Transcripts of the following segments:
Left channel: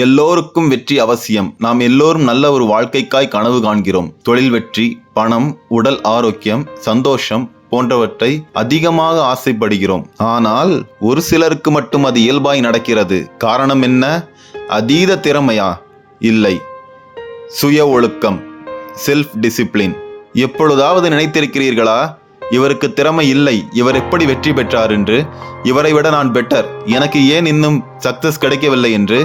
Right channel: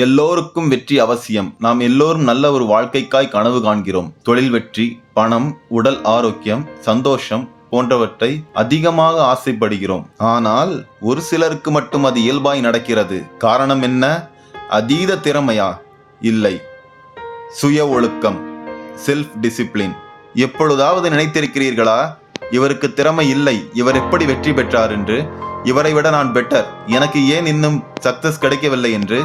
எல்லோருக்கும் வெற்றி அவசியம். நாம் எல்லோரும் நல்ல ஒரு வாழ்க்கைக்காய் கனவு காண்கிறோம். தொழில் வெற்றி, பணம், உடல் ஆரோக்கியம், சந்தோஷம் போன்றவற்றை அதிகமாக ஆசைப்படுகிறோம். ஆனால் ஒரு சிலருக்கு மட்டும் அது இயல்பாய் நடக்கிறது. காரணம் என்ன? அதீத திறமையா? இல்லை, சுய ஒழுக்கம், செல்ஃப் டிசிப்ளின். எப்பொழுதாவது நினைத்திருக்கிறீர்களா, இவருக்கு திறமை இல்லை, இவர் எப்படி வெற்றி பெற்றார் என்று? இவரை விட நான் பெட்டர், எனக்கு ஏன் இன்னும் சக்சஸ் கிடைக்கவில்லை என்று?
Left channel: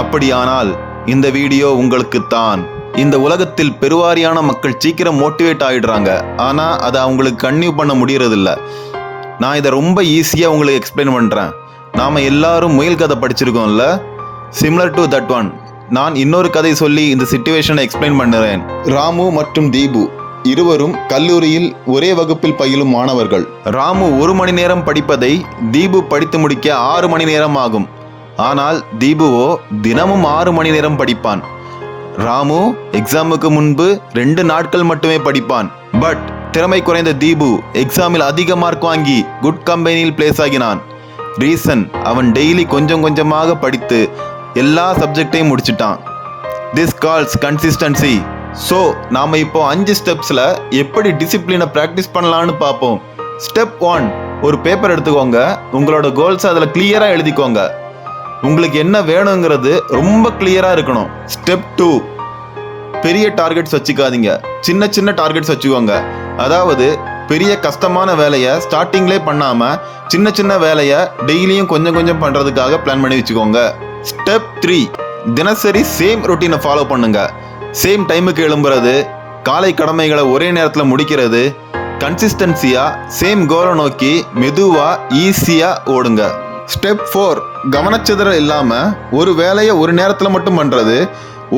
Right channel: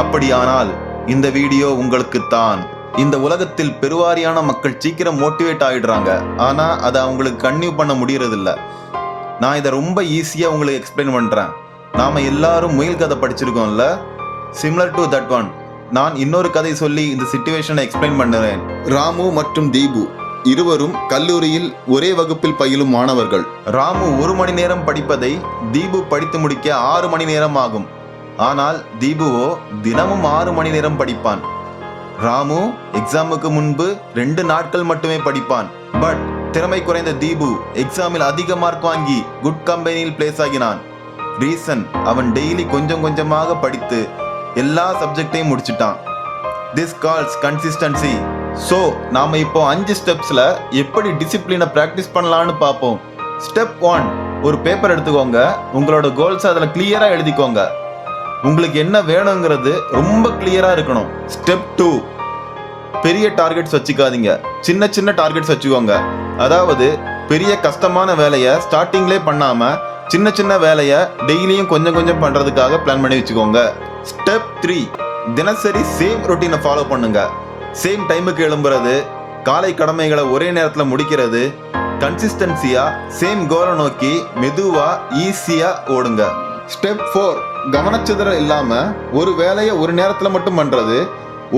அப்படியானால் இந்த வீடியோ உங்களுக்குத்தான். இந்த உலகத்தில் பெருவாரியான மக்கள் சீக்கிரம் மோட்டிவேட் ஆகிடுறாங்க, ஆனால் அதை அவங்களுக்கு கன்டினியூ பண்ண முடியறதில்ல. நான் இதை ரொம்ப ஈஸியாக உங்களுக்கு எக்ஸ்பிளைன் பண்ணுறேன். நாம் எல்லாரும் முயல் கதை படிச்சிருக்கோம்ல, சிமிலர் டு தட் ஒன். நான் இன்னொரு கதை சொல்லி இந்த சிச்சுவேஷனை எக்ஸ்பிளைன் பண்ணுறேன். ராமு மற்றும் தீபு இருவரும் கல்லூரியில் ஒரே வகுப்பில் பயிலும் மாணவர்கள். ராமு 1 மணி நேரம் படிப்பதை தீபு படித்து முடிக்க 6 மணி நேரம் ஆகும். ஆனால் தீபுவோ தினமும் 6 மணி நேரம் படிப்பான். ராமு எக்ஸாமுக்கு முன்பு 2 நாட்கள் மட்டுமே படிப்பான். பட் திறமை குறைந்த தீபு எக்ஸாமில் அதிக மார்க் வாங்கி குட் கம்பெனியில் பிளேஸ் ஆகினான். ரீசன், அவன் டெய்லி கொஞ்சம் கொஞ்சமாக படித்து எல்லா சப்ஜெக்டையும் முடிச்சிட்டான். This calls consistency. ஸோ நாம் இப்போ 5 ஸ்டெப்ஸில் எப்படி டிசிப்ளினை ப்ராக்டிஸ் பண்ணலான்னு பார்ப்போம். ஸ்டெப் 1, ஒரு பேப்பர் எடுத்துக்கோங்க. உங்களோட கோல்ஸ் அதில் கிளியராக எழுதிக்கோங்க. உங்களுக்கு என்ன வேணுங்கிறது ரொம்ப கிளியராக இருக்கணும். ஸ்டெப் 2, பெரிய டார்கெட்ஸ் வச்சுக்காதீங்க, சின்ன சின்ன டார்கெட்ஸ் வச்சுக்கோங்க. அதாவது பெரிய கஷ்டமான வேலையை ஸ்டார்டிங்லேயே பண்ணாமல் சின்ன சின்ன வேலையை டெய்லியும் கொஞ்சம் கொஞ்சம் பண்ணுறதுக்காக பிளான் பண்ணி வச்சுக்கோங்க. ஸ்டெப் 3, தினசரி சேம் ரொட்டீனை ஃபாலோ பண்ணுங்க. சேம் டைமுக்கு எழும்புறது, காலை கடமைகளை ஒரே நேரத்தில் முடிக்கிறது, கன்சிஸ்டன்சியாக சேம் கோலை நோக்கி மெதுவாக ஈஸியாக ஓடுங்க. ஸ்டெப் 4, கவனச்சிதறல் இல்லாமல் ஒரு வேலையை ஒரு நேரத்தில் மட்டும் பண்ணுறது.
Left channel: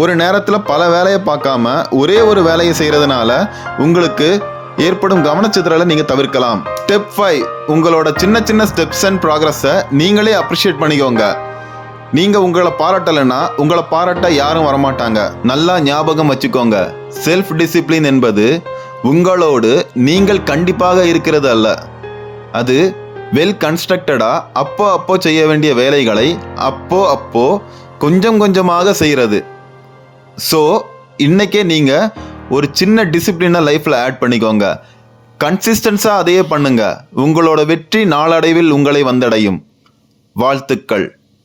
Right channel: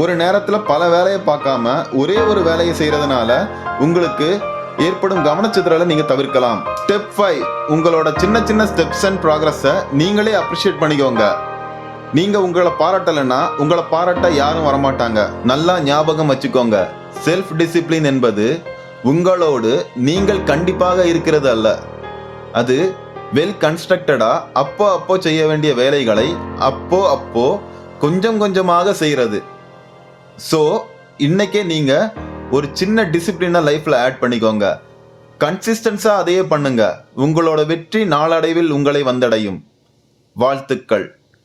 ஒரு நேரத்தில் பல வேலையை பார்க்காம ஒரே ஒரு வேலையை செய்கிறதுனால உங்களுக்கு ஏற்படும் கவனச்சிதறலை நீங்கள் தவிர்க்கலாம். ஸ்டெப் 5, உங்களோட சின்ன சின்ன ஸ்டெப்ஸ் அண்ட் ப்ராக்ரஸை நீங்களே அப்ரிஷியேட் பண்ணிக்கோங்க. நீங்கள் உங்களை பாராட்டலைன்னா உங்களை பாராட்ட யாரும் வரமாட்டாங்க. நல்லா ஞாபகம் வச்சுக்கோங்க, செல்ஃப் டிசிப்ளின் என்பது உங்களோடு நீங்கள் கண்டிப்பாக இருக்கிறது அல்ல. அது வெல் கன்ஸ்ட்ரக்டடாக அப்போ செய்ய வேண்டிய வேலைகளை அப்போ கொஞ்சம் கொஞ்சமாக செய்கிறது. ஸோ இன்றைக்கே நீங்கள் ஒரு சின்ன டிசிப்ளினை லைஃப்பில் ஆட் பண்ணிக்கோங்க. கன்சிஸ்டன்ஸாக அதையே பண்ணுங்க. உங்களோட வெற்றி நாளடைவில் உங்களை வந்தடையும். வாழ்த்துக்கள்.